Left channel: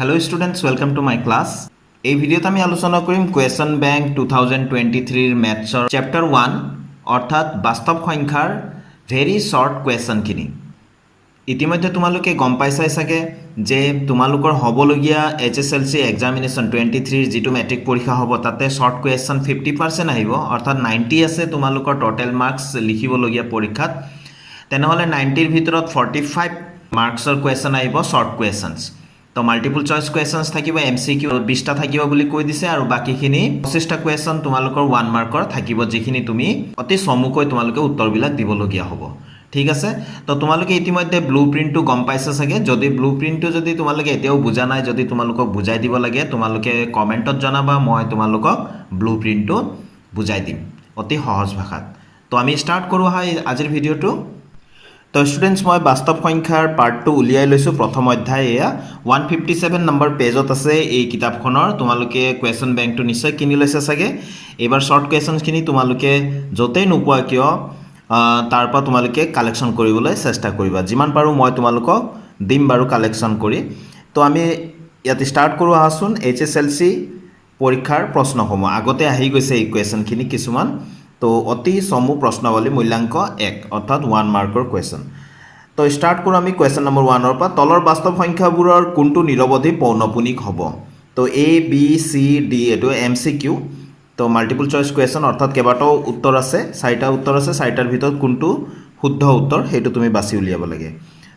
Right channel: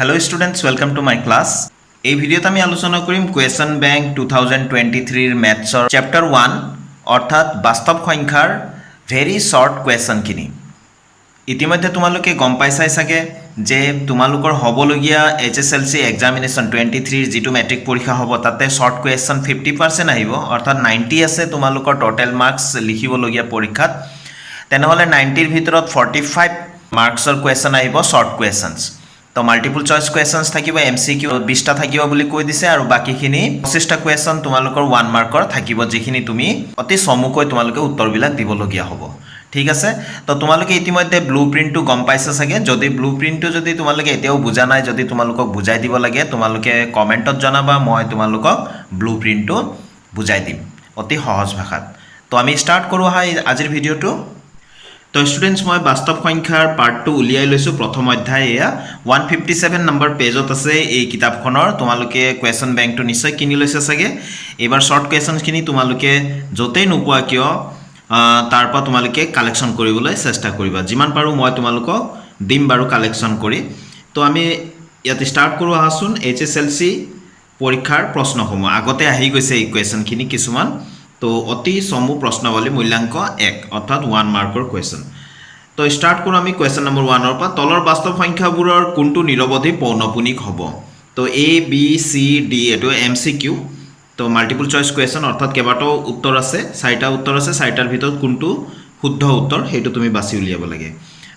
Hello students, welcome to my class. এই ভিডিওতে আমি আলোচনা কৰিম কুৱেশ্যন বেংক 2023 মেথছৰ চেপ্টাৰ 1 অৰ্থাৎ বাস্তৱ সংখ্যাৰ ভেৰি শৰ্ট কুৱেশ্যনখিনি। ইতিমধ্যে তোমালোকে গম পাইছাই চাগে যে তোমালোকৰ হ'বলগীয়া HSLC এক্সামিনেশ্যন 23 যিটো মেট্ৰিক পৰীক্ষা হ'ব তাতে শৰ্ট কুৱেশ্যন 50% আহিব অৰ্থাৎ 90 আছে তোমালোকৰ টোটেল মাৰ্কছ লিখিবলগীয়া পৰীক্ষাত। তেনেহ'লে 90ৰ ভিতৰত 45 মাৰ্কছৰ কুৱেশ্যন আহিব শৰ্ট কুৱেশ্যনছ। তো মাল্টিপল চইচ কুৱেশ্যনছ থাকিব MCQ 20টা থাকিব বুলি কৈ দিছে আৰু বাকিখিনি 25টা কুৱেশ্যন তোমালোকৰ 1 মাৰ্কৰ থাকিব যিখিনি তুমি অতি চমুকৈ তোমালোকে উত্তৰবিলাক দিবলগীয়া হ'ব। ঠিক আছে, তো তোমালোকে ইতিমধ্যে ব্লু প্ৰিণ্টটো গম পাইছা চাগে। যদি ব্লু প্ৰিণ্টটো যদি তোমালোকে এতিয়াও বুজা নাই, যদি তোমালোকক বুজাই দিব লাগে তোমালোকে কমেণ্টত জনাবা, মই তোমালোকক ব্লু প্ৰিণ্টটো বুজাই দিম অতি সহজ ভাষাত। তো আমি ষ্টাৰ্ট কৰোঁ আজিৰ ভিডিঅ'টো। তো ষ্টুডেণ্টছ মই বাস্তৱ সংখ্যাৰ পাৰ্টটো উলিয়াই লৈছোঁ। প্ৰথম অধ্যায় এয়া 157 নম্বৰ পেজত আছে এই কিতাপখনৰ। তোমালোকে কুৱেশ্যন বেংকটো নিশ্চয় কিনি লৈছে চাগে। এইবাৰ শ্বৰ্ট কুৱেশ্যনছখিনি তোমালোকে য'তেই নোপোৱা কিয় তাৰ পৰা তোমালোকে কালেকশ্যন কৰিবলৈ চেষ্টা কৰিবা। যিমান পাৰোঁ মই তোমালোকক দিম বাৰু কালেকশ্যন কৰি। তো আমি ইয়াত ষ্টাৰ্ট কৰোঁ আহাচোন HSLC পৰীক্ষাৰ প্ৰশ্নসমূহ। আগতে আহি গৈছে এই কুৱেশ্যনখিনি কিছুমান। তো অতি চমু প্ৰশ্নাৱলী মূল্যাংক 1 অৰ্থাৎ 1 মাৰ্কৰ কুৱেশ্যন। তো ষ্টাৰ্ট কৰোঁ আমি কুৱেশ্যন নম্বৰ 1ৰ পৰা। তলৰ বাস্তৱ সংখ্যাবোৰৰ কোনটো নিৰৱধি পৌনঃপুনিক হ'ব? তো ABCD এইটো MCQ। তো মাল্টিপল চইচ কুৱেশ্যন অৰ্থাৎ কেইবাটাও উত্তৰ আছে, 4টা উত্তৰ আছে। 4টাৰ ভিতৰত কোনটো শুদ্ধ উত্তৰ সেইটো তুমি বাছি উলিয়াব লাগে।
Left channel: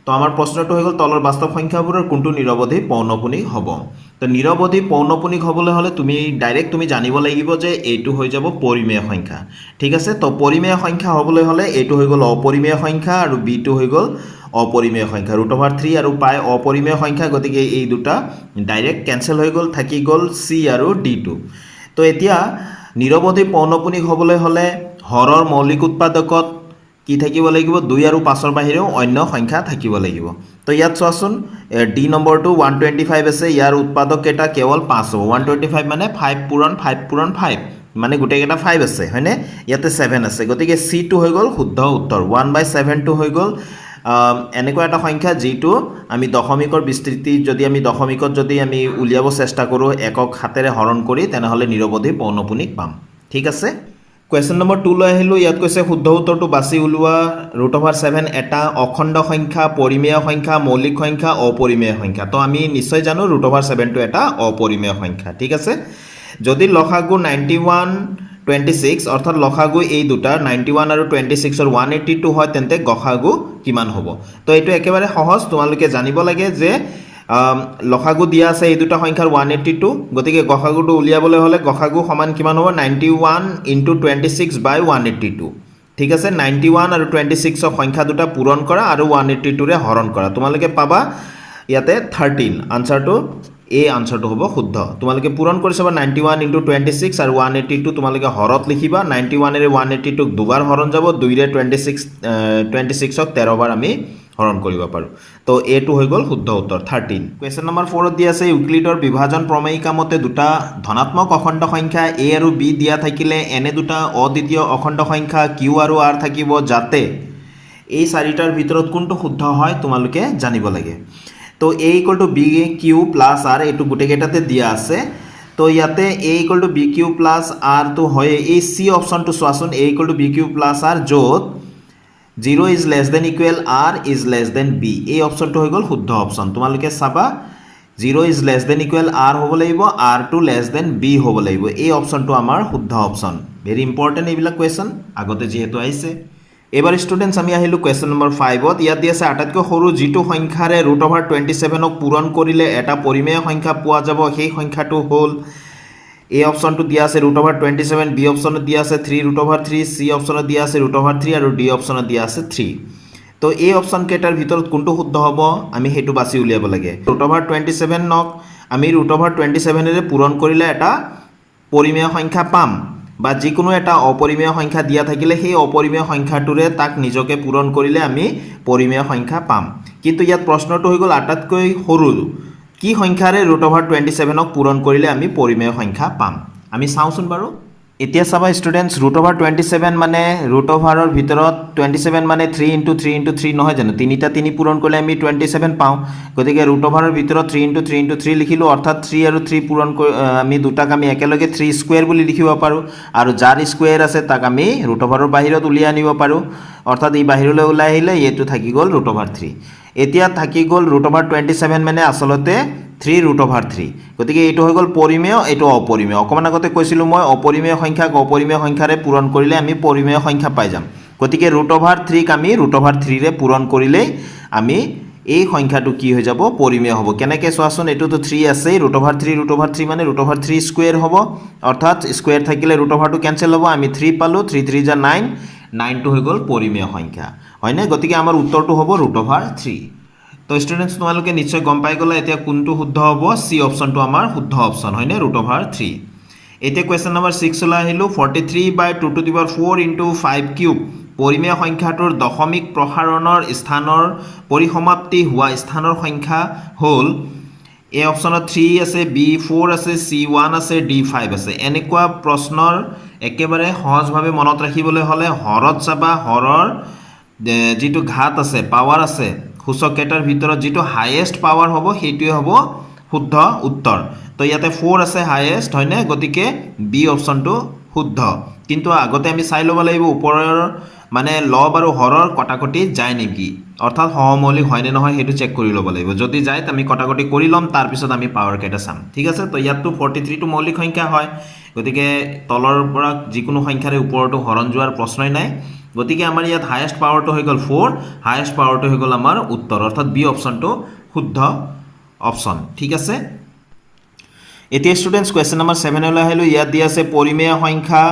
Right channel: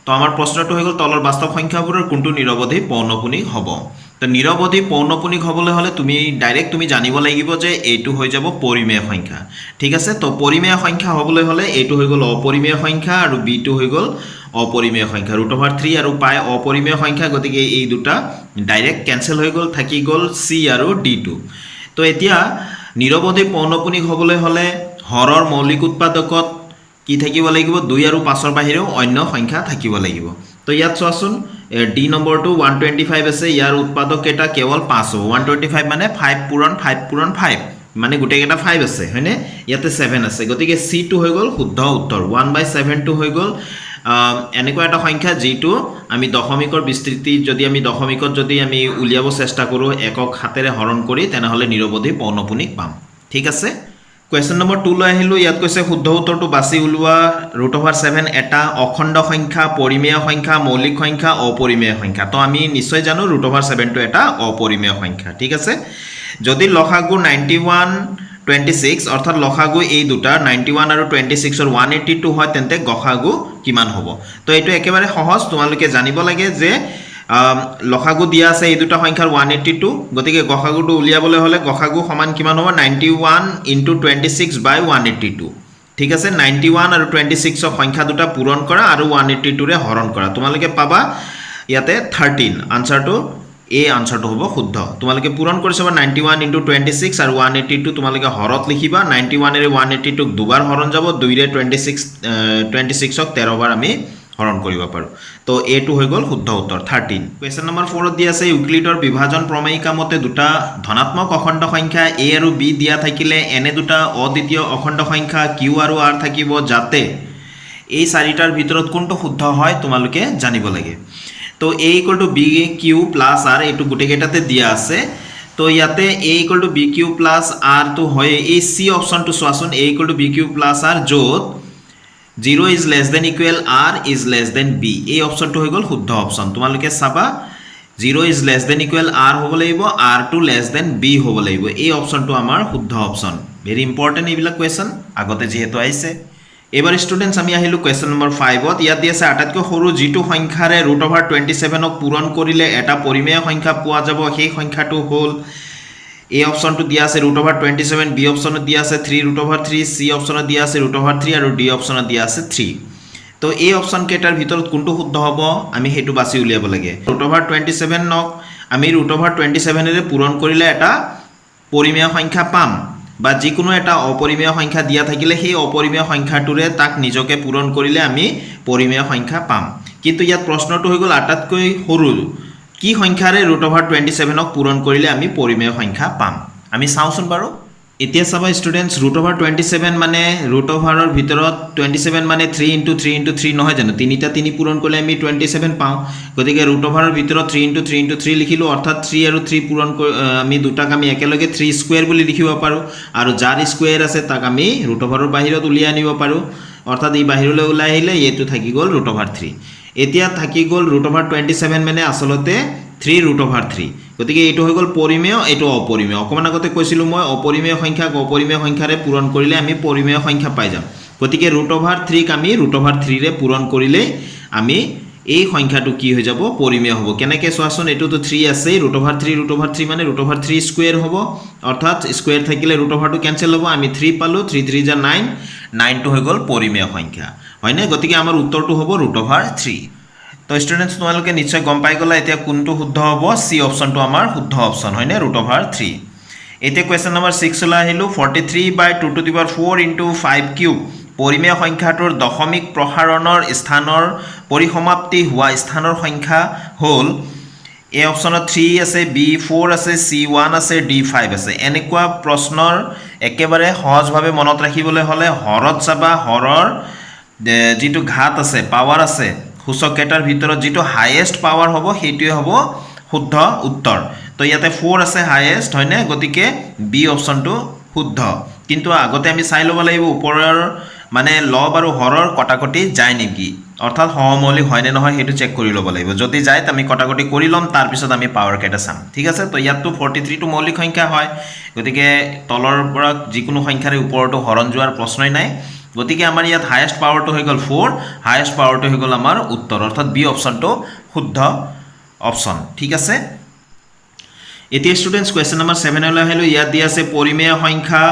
তো আমাৰ প্ৰশ্নটো হৈ গ'ল তলৰ বাস্তৱ সংখ্যাবোৰৰ কোনটো নিৰৱধি পৌনঃপুনিক হ'ব? তো নিৰৱধি পৌনঃপুনিক হ'বলৈ হ'লে তুমি ডাইৰেক্ট তুমি জানিব লাগিব যে এইটো হৈ যাব পৰিমেয় সংখ্যা। ঠিক আছে, তো পৰিমেয় সংখ্যা হ'বলৈ হ'লে এইটো হৈ গ'ল অপৰিমেয় সংখ্যা আৰু বিটো হৈ গ'ল অপৰিমেয় সংখ্যা। √3 আৰু পাই অপৰিমেয় সংখ্যা, গতিকে এই দুটা ডাইৰেক্ট কেঞ্চেল হৈ গ'ল, থাকি গ'ল C আৰু D2। তো এতিয়া নিৰৱধি পৌনঃপুনিক হ'বলৈ হ'লে হৰৰ মৌলিক উৎপাদকত কি থাকিব লাগিব? 2 আৰু 5ৰ বাহিৰেও অন্য সংখ্যা থাকিব লাগিব। তো ইয়াত চোৱাচোন D নম্বৰটো 125 আছে, ইয়াৰ উৎপাদক কেইটা কেৱল 5 হ'ব। 125 মানে 5 পূৰণ 5 পূৰণ 5 মানে গোটেইকেইটা 5 আছে হয়নে? ইয়াতে 7 আছে, গতিকে C2 হৈ গ'ল শুদ্ধ উত্তৰ। 1/7টো হৈ গ'ল এনেকুৱা এটা সংখ্যা যিটো আমি দশমিকৰ বিস্তৃতি যদি আমি দশমিকত যদি আমি উলিয়াব চেষ্টা কৰোঁ একক হাতেৰে হৰণ কৰি, তেনেহ'লে নিৰৱধি পৌনঃপুনিক পাম। ঠিক আছে, কুৱেশ্যন নম্বৰ 2 লৈ আহিলোঁ। ইয়াত কৈছে শুদ্ধ উত্তৰটো বাছি উলিওৱা। √7 এটা অখণ্ড সংখ্যা, পৰিমেয় সংখ্যা, মৌলিক সংখ্যা, অপৰিমেয় সংখ্যা। তো আমি নিশ্চয় জানো √7টো এটা অপৰিমেয় সংখ্যা। ঠিক আছে, যদি লসাগু 91 26 অৰ্থাৎ লসাগু এই দুটাৰ 91 আৰু 26ৰ 182 হয় তেন্তে গসাগু কিমান হ'ব? তো এইটো একেবাৰে সহজ, তোমালোকে জানিব লাগে যে লসাগু দিয়া আছে এই দুটা সংখ্যাৰ 182, গতিকে গসাগুটো উলিয়াবলৈ হ'লে গসাগু সমান কিমান হ'ব? 91 × 26/182। ঠিক আছে, 91 আৰু 26ৰ সংখ্যা দুটা পূৰণ কৰা আৰু 182ৰে হৰণ কৰা, তোমালোকে পাবা ইয়াতে 13। আনচাৰটো এই আনচাৰটো হ'ব শুদ্ধ। তোমালোকে পূৰণ কৰি চাবা 91 × 26 আৰু 182 তোমালোকে হৰত লিখিবা। 91ৰে 182ক দুবাৰ হৰণ যাব, 2ৰে 26ক 13 বাৰ আমি হৰণ কৰিব পাৰোঁ। তো এইটো হৈ গ'ল শুদ্ধ উত্তৰ 13। কুৱেশ্যন নম্বৰ 4ত দিয়া আছে ইউক্লিডৰ বিভাজন প্ৰমেয়িকা মতে দুটা ধনাত্মক অখণ্ড সংখ্যা A আৰু B দিয়া থাকিলে এনে দুটা অদ্বিতীয় অখণ্ড সংখ্যা Q আৰু R থাকিব যাতে এই 4টাৰ ভিতৰত কোনটো শুদ্ধ হয় তোমালোকে জানিব লাগে। তো A = BQ + R এইটো গোটেইকেইটাতে দিয়া আছে। তো ইয়াতে A = BQ + R তো হয় এই C অপশ্যনটো চোৱাচোন, A = BQ + R য'ত 0 is less than equal R is less than B, এই অপশ্যনটো হৈ গ'ল শুদ্ধ অপশ্যন। তোমালোকে চাবা 0 is less than equal R হ'ব লাগিব, R2 less than B হ'ব লাগিব। এই অপশ্যনটো আমাৰ শুদ্ধ অপশ্যন। ভেৰি ইম্পৰ্টেণ্ট এইবিলাক কুৱেশ্যন আগতে যিহেতু আহিছে। এবাৰ ষ্টুডেণ্টছ আমি আহিলোঁ কুৱেশ্যন নম্বৰ 5ত। ইয়াত দি আছে আটাইতকৈ সৰু যিটো সংখ্যাৰে √27ক পূৰণ কৰিলে এটা পৰিমেয় সংখ্যা পোৱা যাব সেই সংখ্যাটো হ'ল, এই অপশ্যনটো দিয়া আছে √27, B অপশ্যনত দিয়া আছে 3√3, C অপশ্যনত দিয়া আছে √3 আৰু D অপশ্যনত দিয়া আছে 3। তো এই অপশ্যন কেইটাৰ ভিতৰত কোনটো শুদ্ধ হ'ব আমি সেইটো বাছি উলিয়াব লাগে। √27ক আমি √27ৰে পূৰণ কৰিলে এটা পৰিমেয় সংখ্যা পাম, বা যিকোনো এটা অপৰিমেয় সংখ্যা দিয়া থাকিলে সেই অপৰিমেয় সংখ্যাটোৰে তাক নিজকে পূৰণ কৰিলে আমি পৰিমেয় সংখ্যা পাম। কিন্তু ইয়াত প্ৰশ্নটো হৈ গ'ল আটাইতকৈ সৰু কি সংখ্যাৰে √27ক পূৰণ কৰিলে আমি পৰিমেয় সংখ্যা পাম। আমি চাওঁচোন বাৰু। এতিয়া চাবা ষ্টুডেণ্টছ √27 মানে √ৰ ভিতৰত 27 মানে 3 × 3 × 3 নহয় জানো তিনিটা তিনি পূৰণ কৰিলে আমি 27 পাওঁ গতিকে √ৰ ভিতৰত 3 × 3 × 3 লিখিলোঁ অৰ্থাৎ 3 আৰু 3 পূৰণ আমি দুটাক আমি একেলগে 3 স্কুৱেৰ বুলি লিখিব পাৰোঁ আৰু যাৰ স্কুৱেৰ আছে তাক আমি √ৰ বাহিৰত উলিয়াই আনিব পাৰোঁ অৰ্থাৎ এই বাহিৰলৈ ওলাই আহিলে এইটো থাকি গ'ল √3 এতিয়া থাকি গ'ল √27 মানে আচলতে 3√3 গতিকে এইটো হৈ গ'ল পৰিমেয় এইটো অপৰিমেয় অকমান আগতে কৈছিলোঁ মই অপৰিমেয় সংখ্যাক অপৰিমেয় সংখ্যাৰে পূৰণ কৰিলে আমি পৰিমেয় সংখ্যা পাই যাম গতিকে √3ক আমি √3ৰে পূৰণ কৰিলে আমি এই সংখ্যাটো কি হৈ যাব পৰিমেয় হ'ব কেনেকৈ চোৱাচোন এইটোতো 3 আছেই √3 মানে √3 স্কুৱেৰ হ'ব অৰ্থাৎ স্কুৱেৰ থাকিলে √টো কেনচেল হ'ব আমি 3 পালোঁ 3 3 = 9 9টো হৈ গ'ল পৰিমেয় সংখ্যা হয়নে গতিকে আমাৰ উত্তৰটো হ'ব √3 তো ষ্টুডেণ্টছ তোমালোকে নিশ্চয় গম পাই গ'লা এতিয়া কোনটো শুদ্ধ হ'ব সি অপশ্যনটো আমাৰ শুদ্ধ অপশ্যন হয়নে √3 এতিয়া কুৱেশ্যন নম্বৰ 6 লৈ আহিলোঁ 43/2⁴ × 5³ পৰিমেয় সংখ্যাটোৰ দশমিক প্ৰসাৰণৰ স্থানৰ পৰিসমাপ্তি হোৱা স্থানৰ সংখ্যা হ'ল এ অপশ্যনত 3 আছে বি 4 আছে চি 1 আছে ডি 5 আছে এনেকুৱা প্ৰশ্নৰ একেবাৰে সহজভাৱে মনত ৰাখিবলৈ হ'লে হৰত চাবা হৰৰ যিটো ঘাত আছে পাৱাৰ আছে সূচককেইটাৰ ভিতৰত যিটো হাইয়েষ্ট পাৱাৰ হ'ব সেইটোৱে হ'ব শুদ্ধ উত্তৰ তো ইয়াতে 4 আছে হাইয়েষ্ট হয়নে গতিকে বি অপশ্যনটো শুদ্ধ কিন্তু আগতে আমি চাই ল'ব লাগিব ওপৰৰ মানে লব আৰু হৰৰ কটাকটি যায় নেকি অৰ্থাৎ সহমৌলিক হয়নে নহয় সেইটো চেক কৰি ল'ব লাগিব যদি যায় আমি কটাকটি কৰি ল'ম তাৰপিছত আমি পাৱাৰ কেইটা চাম ঠিক আছে তো ইয়াততো 43টো মৌলিক সংখ্যা হয় গতিকে তলৰ পৰা যিকোনো সংখ্যাৰে ওপৰতো হৰণ যোৱাৰ প্ৰশ্নই নাই গতিকে আমাৰ ইয়াত হাইয়েষ্ট পাৱাৰটো হৈ গ'ল 4 হাইয়েষ্ট পাৱাৰটো হৈ গ'ল আমাৰ উত্তৰ অৰ্থাৎ বি অপশ্যনটো শুদ্ধ অপশ্যন ঠিক আছে এতিয়া ষ্টুডেণ্টছ কুৱেশ্যন নম্বৰ 7 লৈ আহিলোঁ ইয়াত দিয়া আছে পৰিমেয় সংখ্যা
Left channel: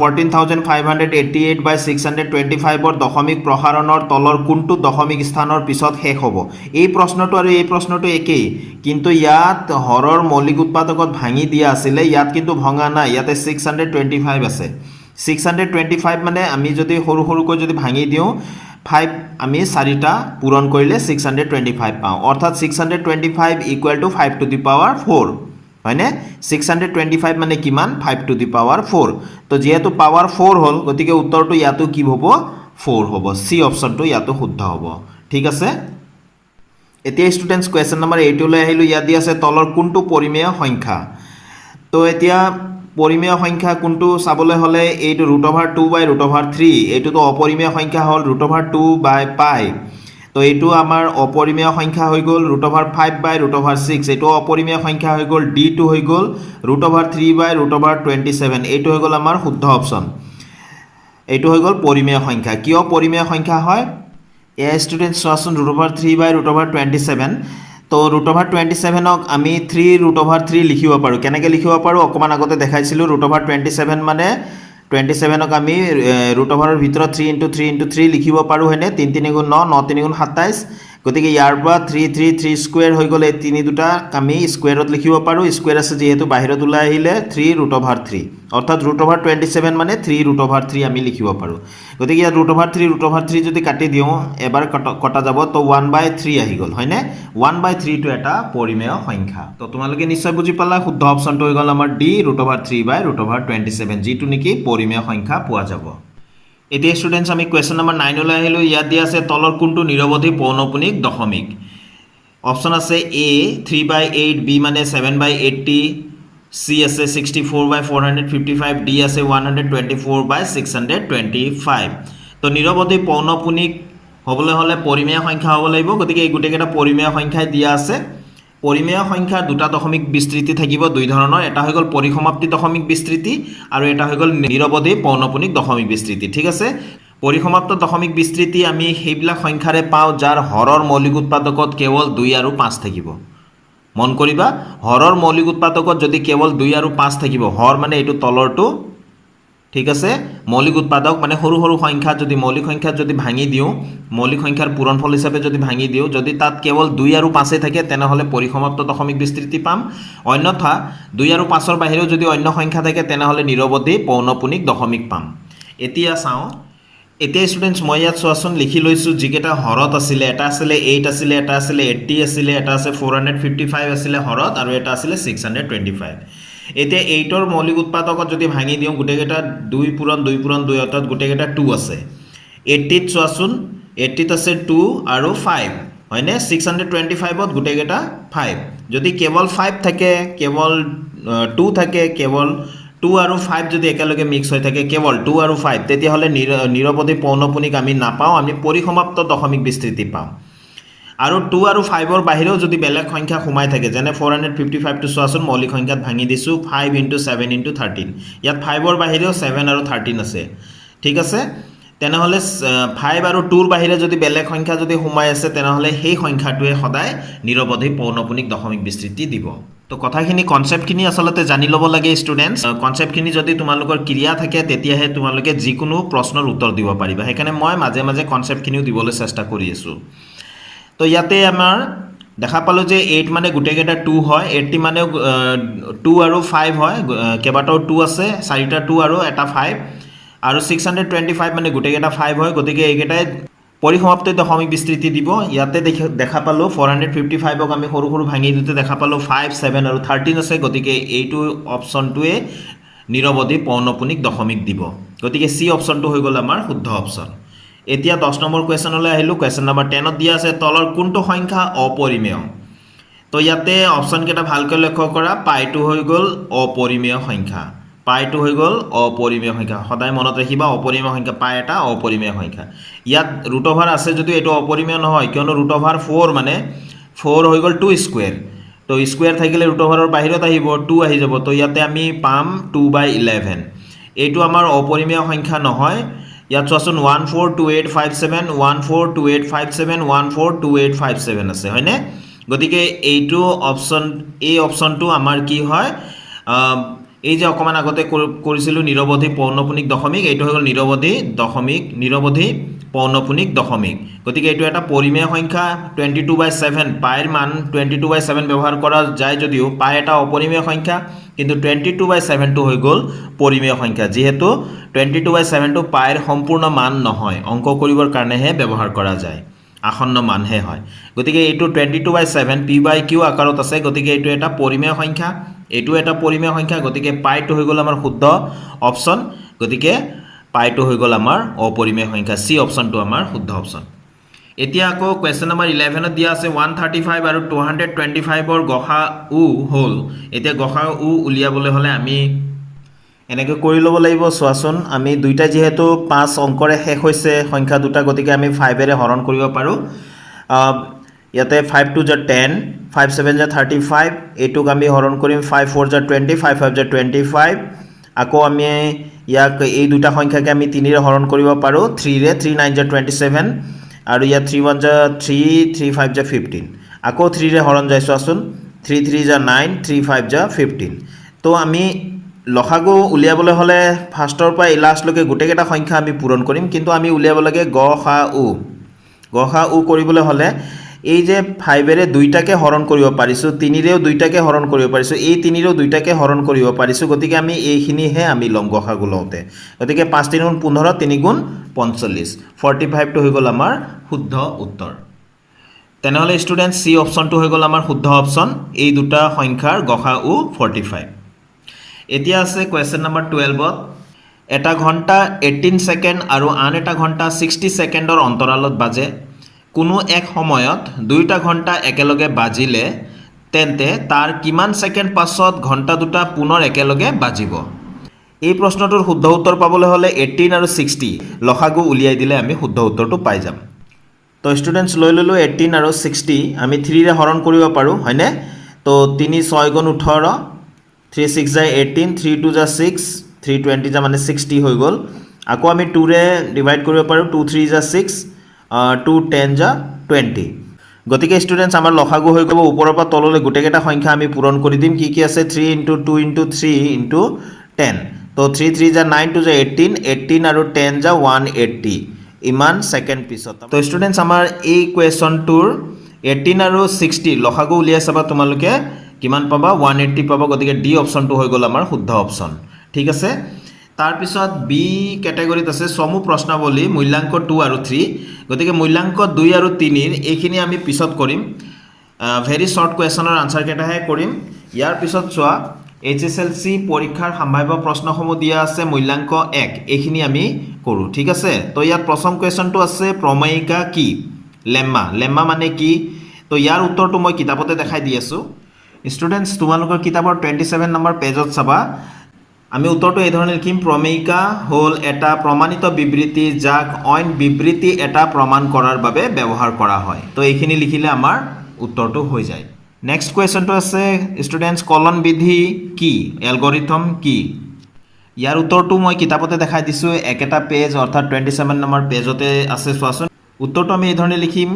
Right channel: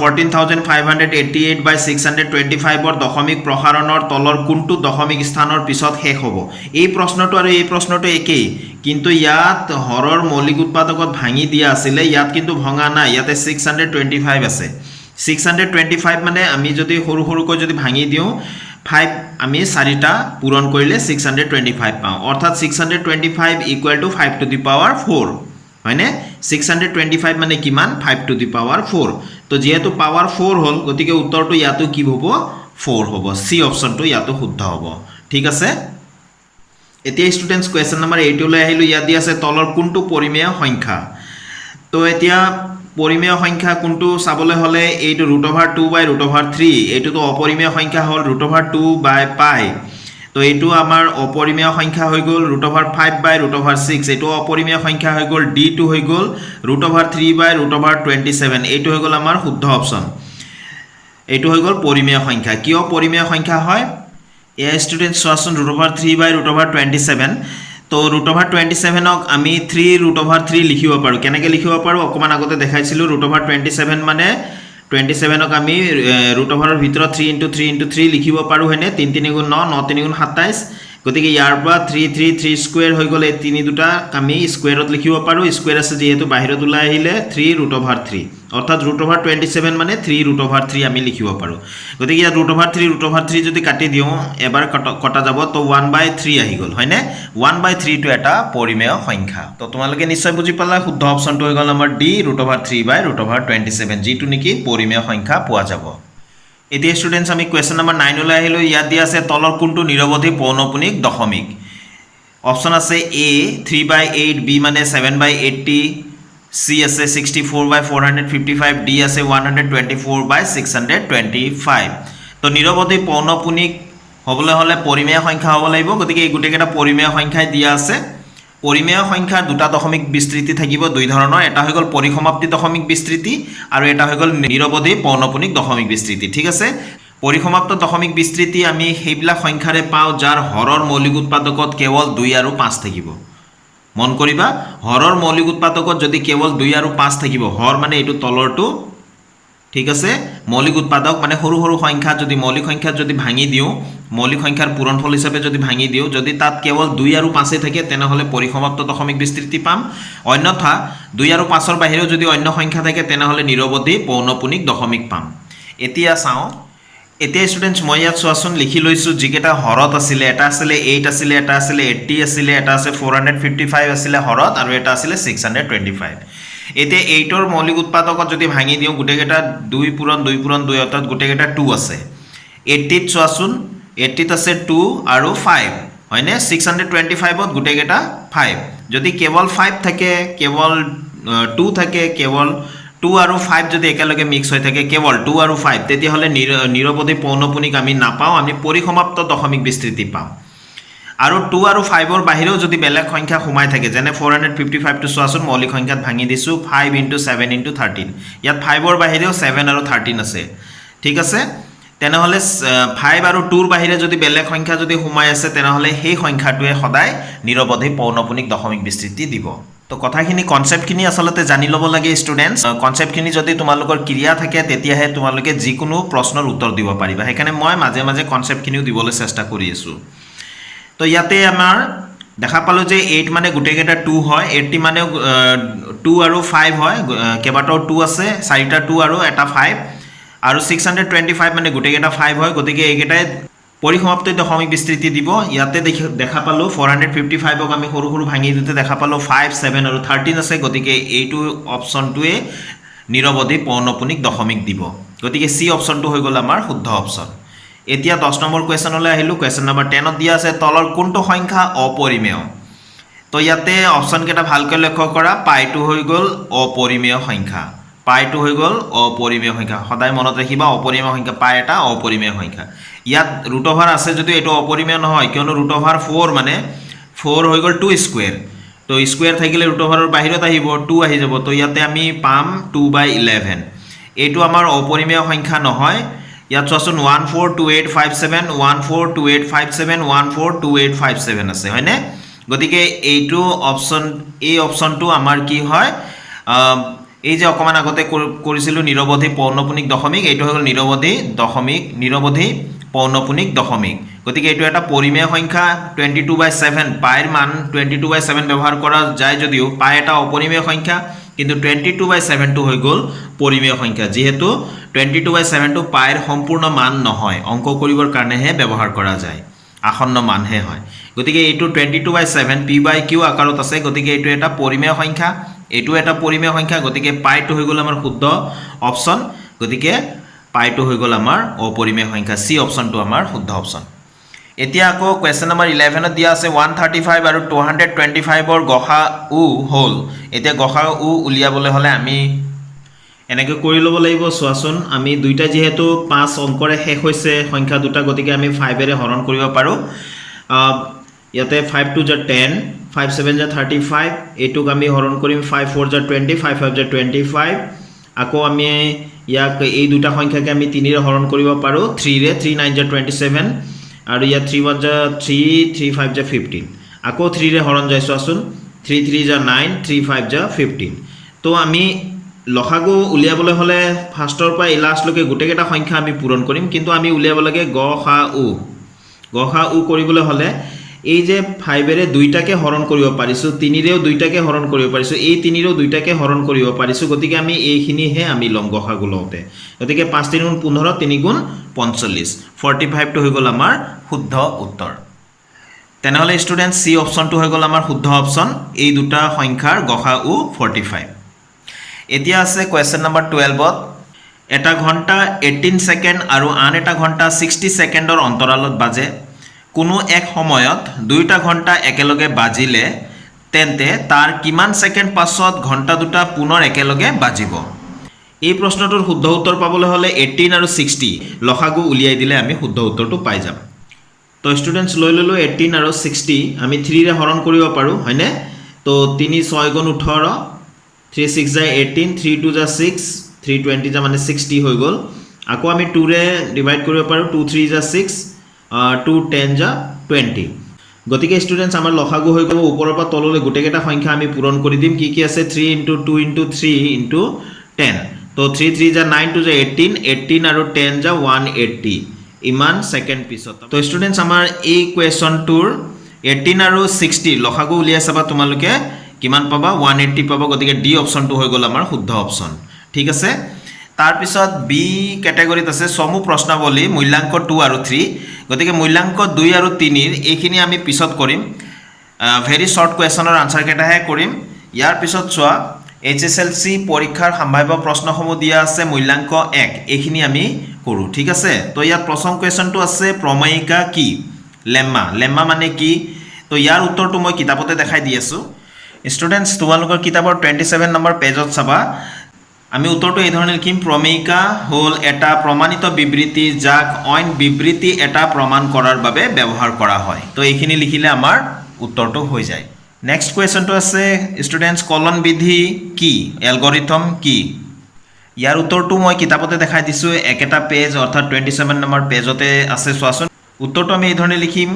14,588/625 দশমিক প্ৰসাৰণৰ তলৰ কোনটো দশমিক স্থানৰ পিছত শেষ হ'ব এই প্ৰশ্নটো আৰু এই প্ৰশ্নটো একেই কিন্তু ইয়াত হৰৰ মৌলিক উৎপাদকত ভাঙি দিয়া আছিলে ইয়াত কিন্তু ভঙা নাই ইয়াতে 625 আছে 625 মানে আমি যদি সৰু সৰুকৈ যদি ভাঙি দিওঁ 5 আমি 4টা পূৰণ কৰিলে 625 পাওঁ অৰ্থাৎ 625 = 5⁴ হয়নে 625 মানে কিমান 5⁴ তো যেহেতু পাৱাৰ 4 হ'ল গতিকে উত্তৰটো ইয়াতো কি হ'ব 4 হ'ব সি অপশ্যনটো ইয়াতো শুদ্ধ হ'ব ঠিক আছে এতিয়া ষ্টুডেণ্টছ কুৱেশ্যন নম্বৰ 8 লৈ আহিলোঁ ইয়াত দিয়া আছে তলৰ কোনটো পৰিমেয় সংখ্যা তো এতিয়া পৰিমেয় সংখ্যা কোনটো চাবলৈ হ'লে এইটো √2/√3 এইটোতো অপৰিমেয় সংখ্যা হ'ল √2/π তো এইটো আমাৰ অপৰিমেয় সংখ্যা হৈ গ'ল √5/√6 এইটো অপৰিমেয় সংখ্যা হৈ গ'ল d2 হৈ গ'ল √3/√27 এইটো হৈ গ'ল আমাৰ শুদ্ধ অপশ্যন এইটো হৈ গ'ল পৰিমেয় সংখ্যা কিয় পৰিমেয় সংখ্যা হয় এ ষ্টুডেণ্টছ চোৱাচোন √3/√27 তো √27ক আমি 3√3 লিখিব পাৰোঁ কেনেকৈ লিখিব পাৰোঁ অকণমান আগতে দেখাইছিলোঁ √27 মানে 27ক আমি √ৰ ভিতৰত 3 × 3 × 3 লিখিব পাৰোঁ হয়নে 3 3 × 9 9 3 × 27 গতিকে ইয়াৰ পৰা 3 3 3 স্কুৱেৰ হৈ গ'লে তিনি দুটাক আমি স্কুৱেৰত লিখিব পাৰোঁ স্কুৱেৰ আছে যিহেতু বাহিৰত ওলাই আহিলে 3√3 অৰ্থাৎ √27 মানে 3√3 আমি লিখিব পাৰোঁ গতিকে ইয়াত √3 যদি কাটি দিওঁ এবাৰ কটা যাব তো 1/3 আহি গ'ল হয়নে 1/3টো এটা পৰিমেয় সংখ্যা তো তোমালোকে নিশ্চয় বুজি পালা শুদ্ধ অপশ্যনটো হৈ গ'ল আমাৰ ডি √3/√27 যিটো নেকি পৰিমেয় সংখ্যা পোৱা যাব এতিয়া ষ্টুডেণ্টছ আমি কুৱেশ্যন নম্বৰ 9 লৈ আহিলোঁ ইয়াত দিয়া আছে তলৰ কোনটো নিৰৱধি পৌনঃপুনিক দশমিক অপশ্যন আছে এ 3/8 বি মানে 7/80 চি আছে 64/455 ডি আছে 124/625 তো নিৰৱধি পৌনঃপুনিক হ'বলৈ হ'লে পৰিমেয় সংখ্যা হ'ব লাগিব গতিকে এই গোটেইকেইটা পৰিমেয় সংখ্যাই দিয়া আছে পৰিমেয় সংখ্যাৰ দুটা দশমিক বিস্তৃতি থাকিব দুই ধৰণৰ এটা হৈ গ'ল পৰিসমাপ্তি দশমিক বিস্তৃতি আৰু এটা হৈ গ'ল নিৰৱধি পৌনঃপুনিক দশমিক বিস্তৃতি ঠিক আছে পৰিসমাপ্ত দশমিক বিস্তৃতি আমি সেইবিলাক সংখ্যাৰে পাওঁ যাৰ হৰৰ মৌলিক উৎপাদকত কেৱল 2 আৰু 5 থাকিব মন কৰিবা হৰৰ মৌলিক উৎপাদকত যদি কেৱল 2 আৰু 5 থাকিব হৰ মানে এইটো তলৰটো ঠিক আছে মৌলিক উৎপাদক মানে সৰু সৰু সংখ্যা যদি মৌলিক সংখ্যা যদি ভাঙি দিওঁ মৌলিক সংখ্যাৰ পূৰণফল হিচাপে যদি ভাঙি দিওঁ যদি তাত কেৱল 2 আৰু 5 থাকে তেনেহ'লে পৰিসমাপ্ত দশমিক বিস্তৃতি পাম অন্যথা 2 আৰু 5ৰ বাহিৰেও যদি অন্য সংখ্যা থাকে তেনেহ'লে নিৰৱধি পৌনঃপুনিক দশমিক পাম এতিয়া চাওঁ এতিয়া ষ্টুডেণ্টছ মই ইয়াত চোৱাচোন লিখি লৈছোঁ যিকেইটা হৰত আছিলে এটা আছিলে 8 আছিলে এটা আছিলে 80 আছিলে এটা আছে 455 আছিলে হৰত আৰু এটা আছিলে 625 এতিয়া 8ৰ মৌলিক উৎপাদকত যদি ভাঙি দিওঁ গোটেইকেইটা 2 পূৰণ 2 পূৰণ 2 অৰ্থাৎ গোটেইকেইটা 2 আছে 80ত চোৱাচোন 80ত আছে 2 আৰু 5 হয়নে 625ত গোটেইকেইটা 5 যদি কেৱল 5 থাকে কেৱল 2 থাকে কেৱল 2 আৰু 5 যদি একেলগে মিক্স হৈ থাকে কেৱল 2 আৰু 5 তেতিয়াহ'লে নিৰৱধি পৌনঃপুনিক আমি নাপাওঁ আমি পৰিসমাপ্ত দশমিক বিস্তৃতি পাওঁ আৰু 2 আৰু 5ৰ বাহিৰেও যদি বেলেগ সংখ্যা সোমাই থাকে যেনে 455 টো চোৱাচোন মৌলিক সংখ্যাত ভাঙি দিছোঁ 5 × 7 × 13 ইয়াত 5ৰ বাহিৰেও 7 আৰু 13 আছে ঠিক আছে তেনেহ'লে 5 আৰু 2ৰ বাহিৰে যদি বেলেগ সংখ্যা যদি সোমাই আছে তেনেহ'লে সেই সংখ্যাটোৱে সদায় নিৰৱধি পৌনঃপুনিক দশমিক বিস্তৃতি দিব তো কথাখিনি কনসেপ্টখিনি আসলতে জানি ল'ব লাগে ষ্টুডেন্টস কনসেপ্টখিনি যদি তোমালোকৰ ক্লিয়াৰ থাকে তেতিয়াহে তোমালোকে যিকোনো প্ৰশ্নৰ উত্তৰ দিব পাৰিবা সেইকাৰণে মই মাজে মাজে কনসেপ্টখিনিও দিবলৈ চেষ্টা কৰি আছোঁ তো ইয়াতে আমাৰ দেখা পালো যে 8 মানে গোটেইকেইটা 2 হয় 80 মানে 2 আৰু 5 হয় কেইবাটাও 2 আছে চাৰিটা 2 আৰু এটা 5 আৰু 625 মানে গোটেইকেইটা 5 হয় গতিকে এইকেইটাই পৰিসমাপ্ত দশমিক বিস্তৃতি দিব ইয়াতে দেখা পালো 455ক আমি সৰু সৰু ভাঙি দিতে দেখা পালো 5 7 আৰু 13 আছে গতিকে এইটো অপচনটোৱে নিৰৱধি পৌনঃপুনিক দশমিক দিব গতিকে সি অপচনটো হৈ গ'ল আমাৰ শুদ্ধ অপচন এতিয়া 10 নম্বৰ কোৱেশ্যনলৈ আহিলো কোৱেশ্যন নম্বৰ 10 ত দিয়া আছে তলৰ কোনটো সংখ্যা অপৰিমেয় তো ইয়াতে অপচন কেইটা ভালকৈ লক্ষ্য কৰা পাইটো হৈ গ'ল অপৰিমেয় সংখ্যা পাইটো হৈ গ'ল অপৰিমেয় সংখ্যা সদায় মনত ৰাখিবা অপৰিমেয় সংখ্যা পাই এটা অপৰিমেয় সংখ্যা ইয়াত ৰুট অভাৰ আছে যদি এটো অপৰিমেয় নহয় কিয়নো ৰুট অভাৰ 4 মানে 4 হৈ গ'ল 2 স্কয়াৰ তো স্কয়াৰ থাকিলে ৰুট অভাৰৰ বাহিৰত আহিব 2 আহি যাব তো ইয়াতে আমি পাম 2/11 এইটো আমাৰ অপৰিমেয় সংখ্যা নহয় ইয়াত চোৱাচোন 142857 142857 142857 আছে হয়নে গতিকে এইটো অপচন এই অপচনটো আমাৰ কি হয় এই যে অকমান আগতে কৰিছিল নিৰৱধি পৌনঃপুনিক দশমিক এইটো হ'ল নিৰৱধি পৌনঃপুনিক দশমিক গতিকে এইটো এটা পৰিমেয় সংখ্যা 22/7 পাইৰ মান 22/7 ব্যৱহাৰ কৰা যায় যদিও পাই এটা অপৰিমেয় সংখ্যা কিন্তু 22/7 টো হৈ গ'ল পৰিমেয় সংখ্যা যেহেতু 22/7 টো পাইৰ সম্পূৰ্ণ মান নহয় অংক কৰিবৰ কাৰণেহে ব্যৱহাৰ কৰা যায় আসন্ন মানহে হয় গতিকে এইটো 22/7 p/q আকাৰত আছে গতিকে এইটো এটা পৰিমেয় সংখ্যা এইটো এটা পৰিমেয় সংখ্যা গতিকে পাইটো হৈ গ'ল আমাৰ শুদ্ধ অপচন গতিকে পাইটো হৈ গ'ল আমাৰ অপৰিমেয় সংখ্যা সি অপচনটো আমাৰ শুদ্ধ অপচন এতিয়া আকৌ কোৱেশ্যন নম্বৰ 11 ত দিয়া আছে 135 আৰু 225 ৰ গসাউ হ'ল এতিয়া গসাউ উলিয়াবলৈ হলে আমি এনেকৈ কৰি ল'ব লাগিব চোৱাচোন আমি দুইটা যেহেতু 5 অংকৰে শেষ হৈছে সংখ্যা দুটা গতিকে আমি 5 এৰে হৰণ কৰিব পাৰো ইয়াতে 5 2 * 10 5 7 * 35 এইটোক আমি হৰণ কৰিম 5 4 * 20 5 5 * 25 আকৌ আমি ইয়াক এই দুটা সংখ্যাকে আমি 3 ৰে হৰণ কৰিব পাৰো 3 ৰে 3 9 * 27 আৰু ইয়া 3 1 * 3 3 5 * 15 আকৌ 3 ৰে হৰণ যায় চোৱাচোন 3 3 * 9 3 5 * 15 তো আমি লসাগু উলিয়াবলৈ হলে ফাৰ্ষ্টৰ পৰা লাষ্টলৈকে গোটেইকেইটা সংখ্যা আমি পূৰণ কৰিম কিন্তু আমি উলিয়াব লাগে গসাউ কৰিবলৈ হলে এই যে 5 এৰে দুইটাকে হৰণ কৰিব পাৰিছো 3 ৰেও দুইটাকে হৰণ কৰিব পাৰিছো এই 3 ৰেও দুইটাকে হৰণ কৰিব পাৰিছো গতিকে আমি এইখিনিহে আমি লম গসাগু লওঁতে গতিকে 5 3 * 15 3 × 45 45 টো হৈ গ'ল আমাৰ শুদ্ধ উত্তৰ তেনেহলে ষ্টুডেন্ট সি অপচনটো হৈ গ'ল আমাৰ শুদ্ধ অপচন এই দুটা সংখ্যাৰ গসাউ 45 এতিয়া আছে কোৱেশ্যন নম্বৰ 12 ত এটা ঘণ্টা 18 সেকেন্ড আৰু আন এটা ঘণ্টা 60 সেকেন্ডৰ অন্তৰালত বাজে কোনো এক সময়ত দুইটা ঘণ্টা একেলগে বাজিলে তেন্তে তাৰ কিমান সেকেন্ড পাছত ঘণ্টা দুটা পুনৰ একেলগে বাজিব এই প্ৰশ্নটোৰ শুদ্ধ উত্তৰ পাবলৈ হলে 18 আৰু 60 লসাগু উলিয়াই দিলে আমি শুদ্ধ উত্তৰটো পাই যাম তো ষ্টুডেন্টস লৈ ললো 18 আৰু 60 আমি 3 ৰে হৰণ কৰিব পাৰো হয়নে তো 3 6 * 18 3 6 * 18 3 2 * 6 3 20 মানে 60 হৈ গ'ল আকৌ আমি 2 ৰে ডিভাইড কৰিব পাৰো 2 3 * 6 2 10 * 20 গতিকে ষ্টুডেন্টস আমাৰ লসাগু হৈ গ'ব ওপৰৰ পৰা তললৈ গোটেইকেইটা সংখ্যা আমি পূৰণ কৰি দিম কি আছে 3 * 2 * 3 * 10 তো 3 3 * 9 2 * 18 18 আৰু 10 * 180 ইমান সেকেন্ড পিছত তো ষ্টুডেন্টস আমাৰ এই কোৱেশ্যনটোৰ 18 আৰু 60 লসাগু উলিয়াই চাবা তোমালোকে কিমান পাবা 180 পাবা গতিকে ডি অপচনটো হৈ গ'ল আমাৰ শুদ্ধ অপচন ঠিক আছে তাৰ পিছত বি ক্যাটাগৰীত আছে সমূহ প্ৰশ্নাৱলী মূল্যাংক 2 আৰু 3 গতিকে মূল্যাংক 2 আৰু 3 এইখিনি আমি পিছত কৰিম ভেৰি শৰ্ট কোৱেশ্যনৰ আনসাৰ কেইটাহে কৰিম ইয়াৰ পিছত চোৱা HSLC পৰীক্ষাৰ সম্ভাৱ্য প্ৰশ্নসমূহ দিয়া আছে মূল্যাংক 1 এইখিনি আমি কৰোঁ ঠিক আছে তো ইয়াত প্ৰথম কোৱেশ্যনটো আছে প্ৰমেয়িকা কি লেম্মা মানে কি তো ইয়াৰ উত্তৰটো মই কিতাপতে দেখাই দি আছোঁ ষ্টুডেণ্টছ তোমালোকৰ কিতাপৰ 27 নম্বৰ পেজত চাবা আমি উত্তৰটো এই ধৰণে লিখিম প্ৰমেয়িকা হ'ল এটা প্ৰমাণিত বিবৃতি যাক অইন বিবৃতি এটা প্ৰমাণ কৰাৰ বাবে ব্যৱহাৰ কৰা হয় তো এইখিনি লিখিলে আমাৰ উত্তৰটো হৈ যায় নেক্সট কুৱেশ্যনটো আছে ষ্টুডেণ্টছ কলন বিধি কি এলগৰিথম কি ইয়াৰ উত্তৰটো মই কিতাপতে দেখাই দিছোঁ একেটা পেজ অৰ্থাৎ 27 নম্বৰ পেজতে আছে চোৱাচোন উত্তৰটো আমি এই ধৰণে লিখিম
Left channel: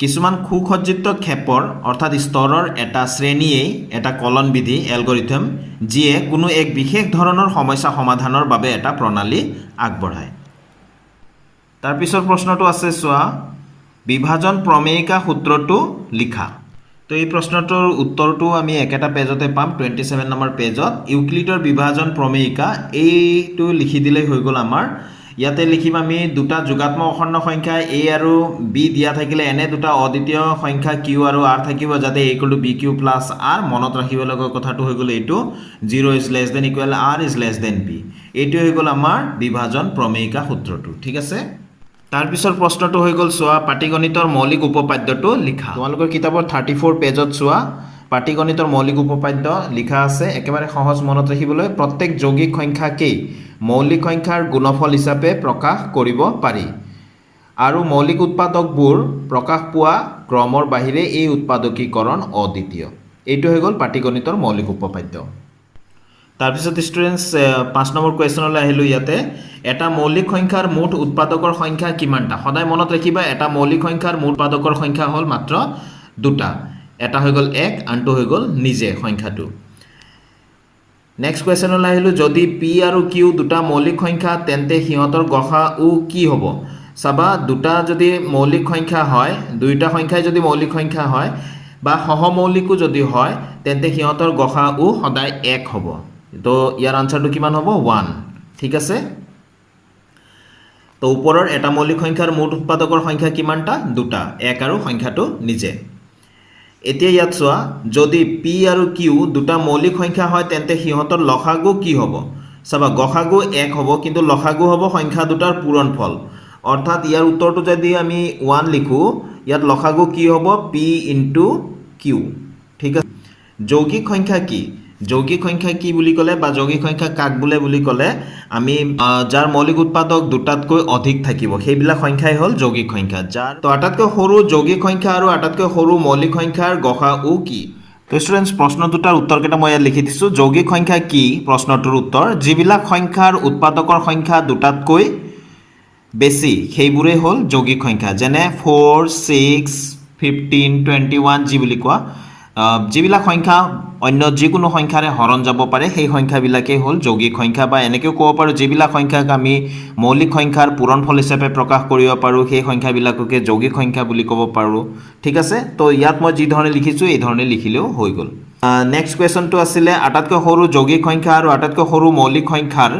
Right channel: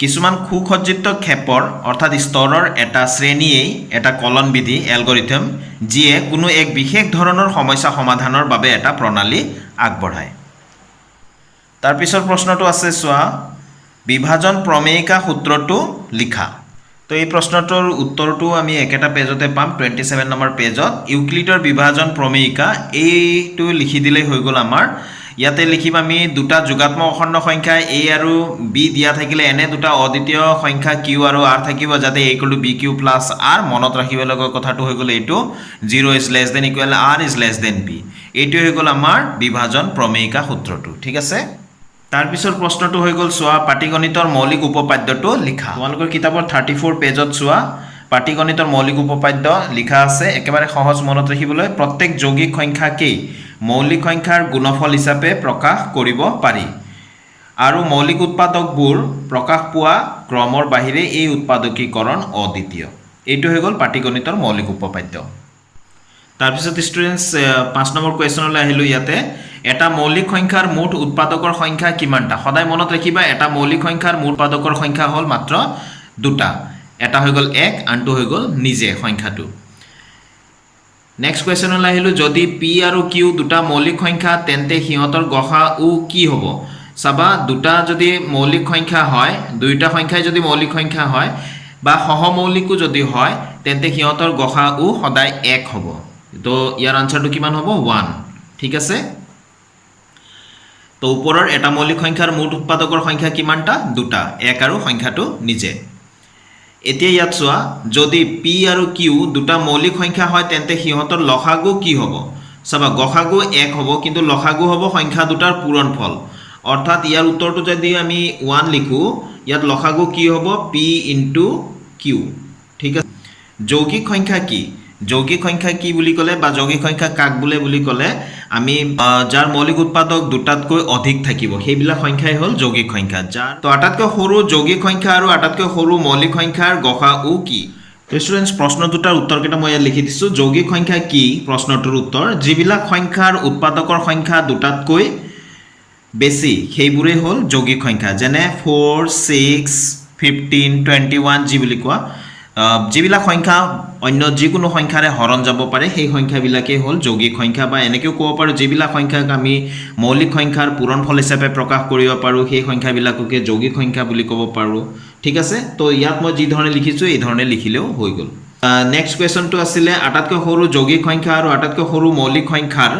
কিছুমান সুসজ্জিত ক্ষেপৰ অৰ্থাৎ স্তৰৰ এটা শ্ৰেণীয়েই এটা কলন বিধি এলগৰিথম যিয়ে কোনো এক বিশেষ ধৰণৰ সমস্যা সমাধানৰ বাবে এটা প্ৰণালী আগবঢ়ায় তাৰ পিছৰ প্ৰশ্নটো আছে চোৱা বিভাজন প্ৰমেয়িকা সূত্ৰটো লিখা তো এই প্ৰশ্নটোৰ উত্তৰটো আমি একেটা পেজতে পাম 27 নম্বৰ পেজত ইউক্লিডৰ বিভাজন প্ৰমেয়িকা এইটো লিখি দিলেই হৈ গ'ল আমাৰ ইয়াতে লিখিম আমি দুটা যোগাত্মক অখণ্ড সংখ্যা a আৰু b দিয়া থাকিলে এনে দুটা অদ্বিতীয় সংখ্যা q আৰু r থাকিব যাতে a = bq + r মনত ৰাখিব লগা কথাটো হৈ গ'ল এইটো 0 = r > b এইটো হৈ গ'ল আমাৰ বিভাজন প্ৰমেয়িকা সূত্ৰটো ঠিক আছে তাৰ পিছৰ প্ৰশ্নটো হৈ গ'ল চোৱা পাটিগণিতৰ মৌলিক উপপাদ্যটো লিখা তোমালোকৰ কিতাপৰ 34 পেজত চোৱা পাটিগণিতৰ মৌলিক উপপাদ্য লিখা আছে একেবাৰে সহজ মনত ৰাখিবলৈ প্ৰত্যেক যৌগিক সংখ্যাকেই মৌলিক সংখ্যাৰ গুণফল হিচাপে প্ৰকাশ কৰিব পাৰি আৰু মৌলিক উৎপাদকবোৰ প্ৰকাশ পোৱা ক্ৰমৰ বাহিৰে এই উৎপাদকীকৰণ অদ্বিতীয় এইটো হৈ গ'ল পাটিগণিতৰ মৌলিক উপপাদ্য তাৰ পিছত ষ্টুডেণ্টছ 5 নম্বৰ কুৱেশ্যনলৈ আহিলোঁ ইয়াতে এটা মৌলিক সংখ্যাৰ মুঠ উৎপাদকৰ সংখ্যা কিমানটা সদায় মনত ৰাখিবা এটা মৌলিক সংখ্যাৰ মুঠ উৎপাদকৰ সংখ্যা হ'ল মাত্ৰ দুটা এটা হৈ গ'ল 1 আনটো হৈ গ'ল নিজে সংখ্যাটো নেক্সট কুৱেশ্যনলৈ আহিলোঁ যদি p আৰু q দুটা মৌলিক সংখ্যা তেন্তে সিহঁতৰ গসাউ কি হ'ব চাবা দুটা যদি মৌলিক সংখ্যা হয় দুইটা সংখ্যাই যদি মৌলিক সংখ্যা হয় বা সহমৌলিকো যদি হয় তেন্তে সিহঁতৰ গসাউ সদায় 1 হ'ব তো ইয়াৰ আনসাৰটো কিমান হ'ব 1 ঠিক আছে তো ওপৰৰ এটা মৌলিক সংখ্যাৰ মুঠ উৎপাদকৰ সংখ্যা কিমানটা দুটা 1 আৰু সংখ্যাটো নিজে এতিয়া ইয়াত চোৱা যদি p আৰু q দুটা মৌলিক সংখ্যা হয় তেন্তে সিহঁতৰ লসাগু কি হ'ব চাবা গসাগু 1 হ'ব কিন্তু লসাগু হ'ব সংখ্যা দুটাৰ পূৰণফল অৰ্থাৎ ইয়াৰ উত্তৰটো যদি আমি 1 লিখো ইয়াত লসাগু কি হ'ব p * q ঠিক আছে যৌগিক সংখ্যা কি বুলি ক'লে বা যৌগিক সংখ্যা কাক বোলে বুলি ক'লে আমি যাৰ মৌলিক উৎপাদক দুটাতকৈ অধিক থাকিব সেইবিলাক সংখ্যাই হ'ল যৌগিক সংখ্যা যাৰ তো আটাইতকৈ সৰু যৌগিক সংখ্যা আৰু আটাইতকৈ সৰু মৌলিক সংখ্যাৰ গসাউ কি তো ষ্টুডেণ্টছ প্ৰশ্ন দুটাৰ উত্তৰকেইটা মই ইয়াত লিখি দিছোঁ যৌগিক সংখ্যা কি প্ৰশ্নটোৰ উত্তৰ যিবিলাক সংখ্যাৰ উৎপাদকৰ সংখ্যা দুটাতকৈ বেছি সেইবোৰে হ'ল যৌগিক সংখ্যা যেনে 4 6 15 21 যি বুলি কোৱা যিবিলাক সংখ্যা অন্য যিকোনো সংখ্যাৰে হৰণ যাব পাৰে সেই সংখ্যাবিলাকেই হ'ল যৌগিক সংখ্যা বা এনেকৈও ক'ব পাৰোঁ যিবিলাক সংখ্যাক আমি মৌলিক সংখ্যাৰ পূৰণফল হিচাপে প্ৰকাশ কৰিব পাৰোঁ সেই সংখ্যাবিলাককে যৌগিক সংখ্যা বুলি ক'ব পাৰোঁ ঠিক আছে তো ইয়াত মই যি ধৰণে লিখিছোঁ এই ধৰণে লিখিলেও হৈ গ'ল নেক্সট কুৱেশ্যনটো আছিলে আটাইতকৈ সৰু যৌগিক সংখ্যা আৰু আটাইতকৈ সৰু মৌলিক সংখ্যাৰ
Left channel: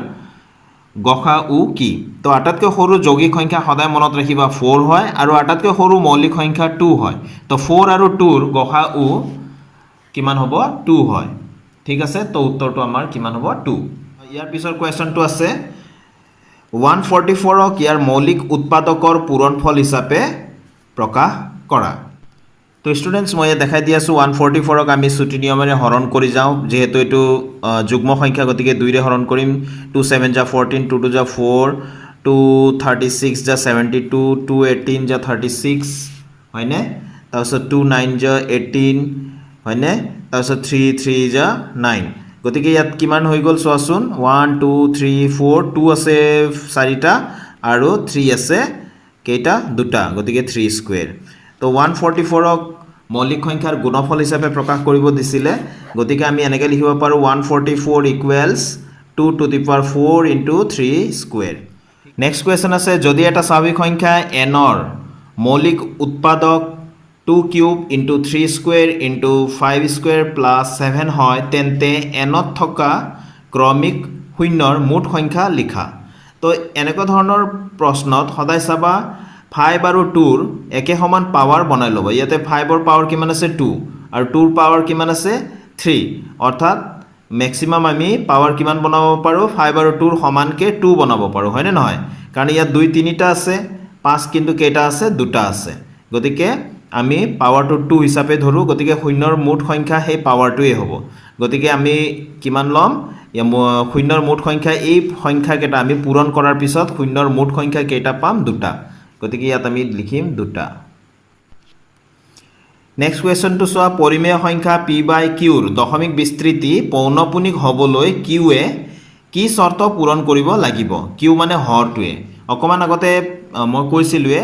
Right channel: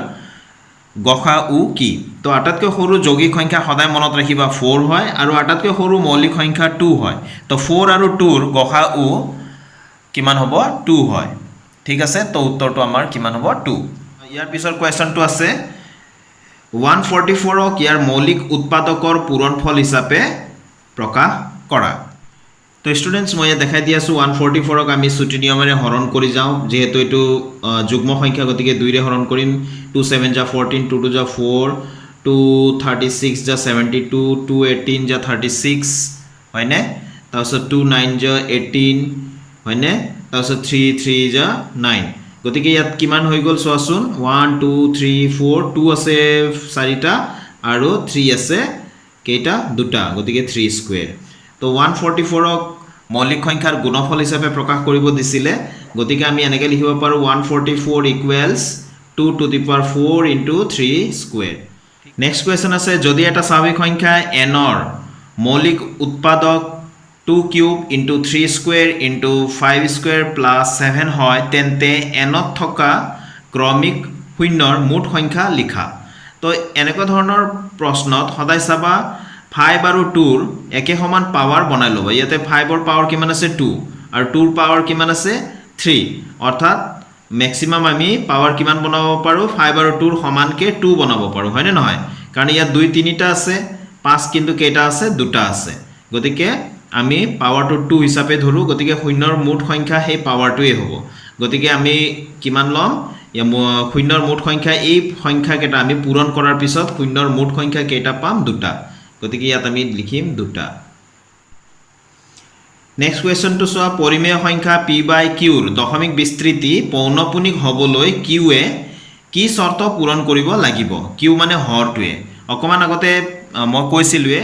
গসাউ কি তো আটাইতকৈ সৰু যৌগিক সংখ্যা সদায় মনত ৰাখিবা 4 হয় আৰু আটাইতকৈ সৰু মৌলিক সংখ্যা 2 হয় তো 4 আৰু 2ৰ গসাউ কিমান হ'ব 2 হয় ঠিক আছে তো উত্তৰটো আমাৰ কিমান হ'ব 2 ইয়াৰ পিছৰ কুৱেশ্যনটো আছে 144ক ইয়াৰ মৌলিক উৎপাদকৰ পূৰণফল হিচাপে প্ৰকাশ কৰা তো ষ্টুডেণ্টছ মই ইয়াত দেখাই দি আছোঁ 144ক আমি ছুটি নিয়মেৰে হৰণ কৰি যাওঁ যিহেতু এইটো যুগ্ম সংখ্যা গতিকে 2 ৰে হৰণ কৰিম 2 7 * 14 2 2 * 4 2 36 * 72 2 18 * 36 হয়নে তাৰপিছত 2 9 * 18 হয়নে তাৰপিছত 3 3 * 9 গতিকে ইয়াত কিমান হৈ গ'ল চোৱাচোন 1 2 3 4 2 আছে 4টা আৰু 3 আছে কেইটা দুটা গতিকে 3 স্কুৱেৰ তো 144ক মৌলিক সংখ্যাৰ গুণফল হিচাপে প্ৰকাশ কৰিব দিছিলে গতিকে আমি এনেকৈ লিখিব পাৰোঁ 144 = 2 to the power 4 * 3 square next question আছে যদি এটা স্বাভাৱিক সংখ্যা nৰ মৌলিক উৎপাদক 2 কিউব * 3 স্কুৱেৰ * 5 স্কুৱেৰ + 7 হয় তেন্তে nত থকা ক্ৰমিক শূন্যৰ মুঠ সংখ্যা লিখা তো এনেকুৱা ধৰণৰ প্ৰশ্নত সদায় চাবা 5 আৰু 2ৰ একে সমান পাৱাৰ বনাই ল'ব ইয়াতে 5ৰ পাৱাৰ কিমান আছে 2 আৰু 2ৰ পাৱাৰ কিমান আছে 3 অৰ্থাৎ মেক্সিমাম আমি পাৱাৰ কিমান বনাব পাৰোঁ 5 আৰু 2ৰ সমানকৈ 2 বনাব পাৰোঁ হয়নে নহয় কাৰণ ইয়াত 2 3টা আছে 5 কিন্তু কেইটা আছে 2টা আছে গতিকে আমি পাৱাৰটো 2 হিচাপে ধৰোঁ গতিকে শূন্যৰ মুঠ সংখ্যা সেই পাৱাৰটোৱে হ'ব গতিকে আমি কিমান ল'ম শূন্যৰ মুঠ সংখ্যা এই সংখ্যাকেইটা আমি পূৰণ কৰাৰ পিছত শূন্যৰ মুঠ সংখ্যা কেইটা পাম 2টা গতিকে ইয়াত আমি লিখিম 2টা নেক্সট কুৱেশ্যনটো চোৱা পৰিমেয় সংখ্যা p বাই qৰ দশমিক বিস্তৃতি পৌনপুনিক হ'বলৈ qয়ে কি চৰ্ত পূৰণ কৰিব লাগিব q মানে হৰটোৱে অকমান আগতে মই কৈছিলোৱে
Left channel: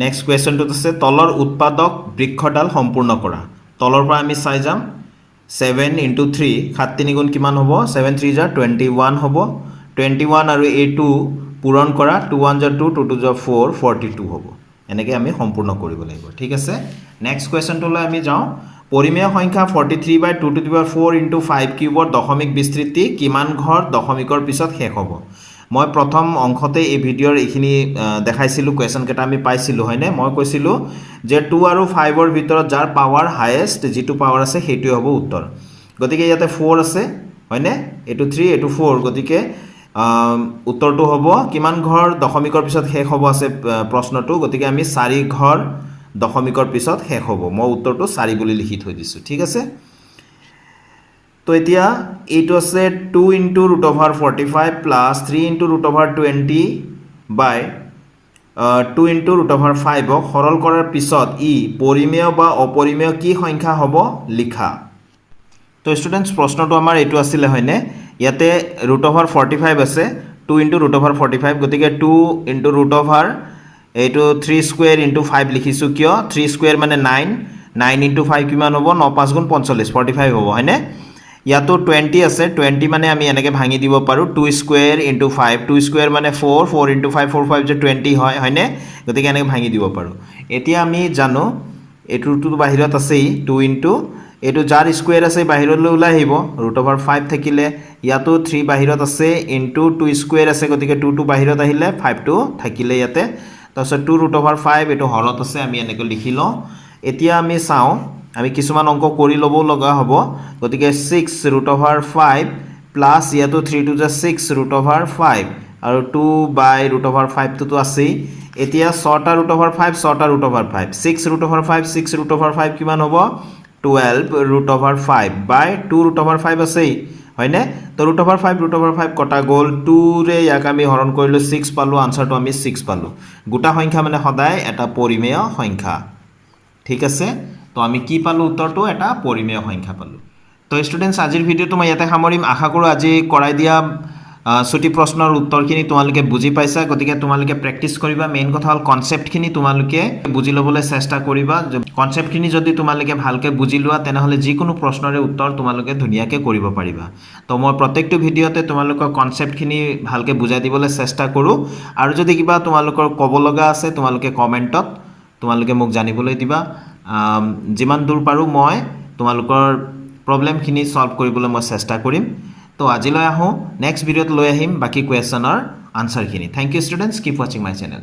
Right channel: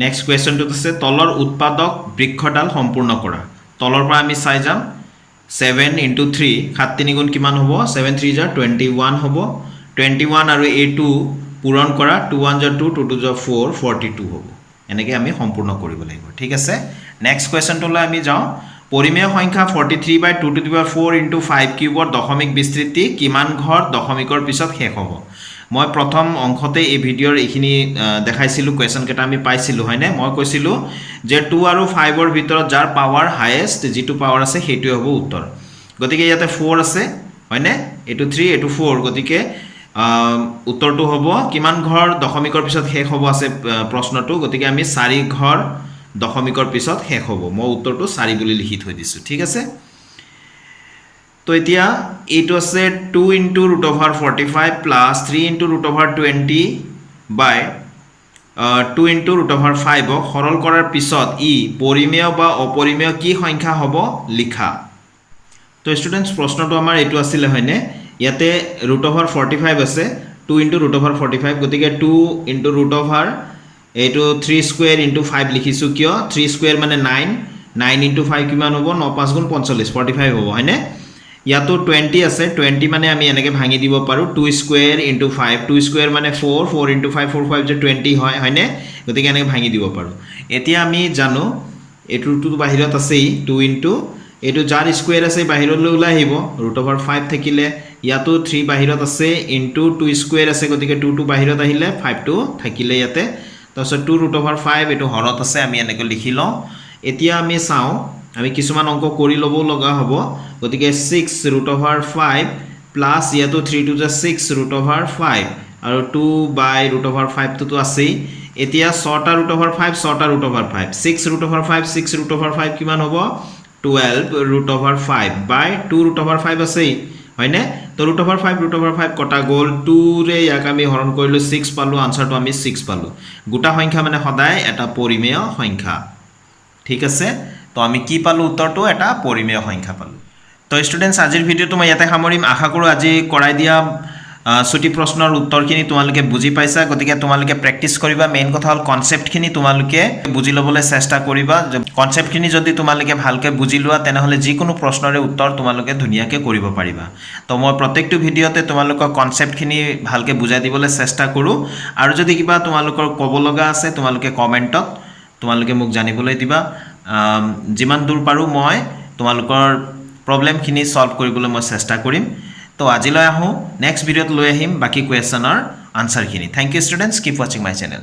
নেক্সট কুৱেশ্যনটোত আছে তলৰ উৎপাদক বৃক্ষডাল সম্পূৰ্ণ কৰা তলৰ পৰা আমি চাই যাম 7 × 3 7 3 গুণ কিমান হ'ব 7 3 = 21 হ'ব 21 আৰু a2 পূৰণ কৰা 2 1 = 2 2 2 = 4 42 হ'ব এনেকৈ আমি সম্পূৰ্ণ কৰিব লাগিব ঠিক আছে নেক্সট কুৱেশ্যনটোলৈ আমি যাওঁ পৰিমেয় সংখ্যা 43/2⁴ × 5 কিউবৰ দশমিক বিস্তৃতি কিমান ঘৰ দশমিকৰ পিছত শেষ হ'ব মই প্ৰথম অংশতে এই ভিডিঅ'ৰ এইখিনি দেখাইছিলোঁ কুৱেশ্যন কেইটা আমি পাইছিলোঁ হয়নে মই কৈছিলোঁ যে 2 আৰু 5ৰ ভিতৰত যাৰ পাৱাৰ হাইয়েষ্ট যিটো পাৱাৰ আছে সেইটোৱে হ'ব উত্তৰ গতিকে ইয়াতে 4 আছে হয়নে এইটো 3 এইটো 4 গতিকে উত্তৰটো হ'ব কিমান ঘৰ দশমিকৰ পিছত শেষ হ'ব আছে প্ৰশ্নটো গতিকে আমি 4 ঘৰ দশমিকৰ পিছত শেষ হ'ব মই উত্তৰটো 4 বুলি লিখি থৈ দিছোঁ ঠিক আছে তো এতিয়া এইটো আছে 2 × √45 প্লাছ 3 × √20 বাই 2 × √5 ক সৰল কৰাৰ পিছত ই পৰিমেয় বা অপৰিমেয় কি সংখ্যা হ'ব লিখা তো ষ্টুডেণ্টছ প্ৰশ্নটো আমাৰ এইটো আছিলে হয়নে ইয়াতে √45 আছে 2 × √45 গতিকে 2 × এইটো 3² × 5 লিখিছোঁ কিয় 3² মানে 9 9 × 5 কিমান হ'ব 9 5 গুণ 45 45 হ'ব হয়নে ইয়াতো 20 আছে 20 মানে আমি এনেকৈ ভাঙি দিব পাৰোঁ 2² × 5 2² মানে 4 4 × 5 4 5 যে 20 হয় হয়নে গতিকে এনেকৈ ভাঙি দিব পাৰোঁ এতিয়া আমি জানো এইটোতো বাহিৰত আছেই 2 × এইটো যাৰ স্কুৱেৰ আছে বাহিৰলৈ ওলাই আহিব √5 থাকিলে ইয়াতো 3 বাহিৰত আছে ইনটু 2² আছে গতিকে 2টো বাহিৰত আহিলে 5টো থাকিলে ইয়াতে তাৰপিছত 2 √5 এইটো হৰত আছে আমি এনেকৈ লিখি লওঁ এতিয়া আমি চাওঁ আমি কিছুমান অংক কৰি ল'ব লগা হ'ব গতিকে 6 √5 প্লাছ ইয়াতো 3 2 6 √5 আৰু 2/√5 টোতো আছেই এতিয়া 6টা √5 6টা √5 6 √5 6 √5 কিমান হ'ব 12 √5 বাই 2 √5 আছেই হয়নে তো √5 কটা গ'ল 2ৰে ইয়াক আমি হৰণ কৰিলোঁ 6 পালোঁ আনচাৰটো আমি 6 পালোঁ গোটা সংখ্যা মানে সদায় এটা পৰিমেয় সংখ্যা ঠিক আছে তো আমি কি পালোঁ উত্তৰটো এটা পৰিমেয় সংখ্যা পালোঁ তো ষ্টুডেণ্টছ আজিৰ ভিডিঅ'টো মই ইয়াতে সামৰিম আশা কৰোঁ আজি কৰাই দিয়া ছুটি প্ৰশ্নৰ উত্তৰখিনি তোমালোকে বুজি পাইছা গতিকে তোমালোকে প্ৰেক্টিছ কৰিবা মেইন কথা হ'ল কনচেপ্টখিনি তোমালোকে বুজি ল'বলৈ চেষ্টা কৰিবা কনচেপ্টখিনি যদি তোমালোকে ভালকৈ বুজি লোৱা তেনেহ'লে যিকোনো প্ৰশ্নৰে উত্তৰ তোমালোকে ধুনীয়াকৈ কৰিব পাৰিবা তো মই প্ৰত্যেকটো ভিডিঅ'তে তোমালোকৰ কনচেপ্টখিনি ভালকৈ বুজাই দিবলৈ চেষ্টা কৰোঁ আৰু যদি কিবা তোমালোকৰ ক'ব লগা আছে তোমালোকে কমেণ্টত তোমালোকে মোক জানিবলৈ দিবা যিমান দূৰ পাৰোঁ মই তোমালোকৰ প্ৰব্লেমখিনি সলভ কৰিবলৈ মই চেষ্টা কৰিম তো আজিলৈ আহোঁ নেক্সট ভিডিঅ'ত লৈ আহিম বাকী কুৱেশ্যনৰ আনচাৰখিনি থেংক ইউ ষ্টুডেণ্টছ কিপ ৱাচিং মাই চেনেল